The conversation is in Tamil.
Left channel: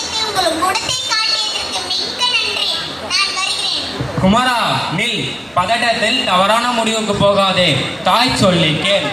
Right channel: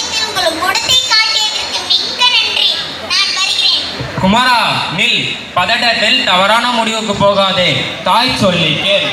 சமயத்தில் உங்கள் குணத்தை காட்டியதற்கு மிக்க நன்றி. நான் வருகிறேன். குமாரா நில், பதட்டத்தில் தவறான முடிவுக்கு போகாதே. தாய் சொல்லி கேள்.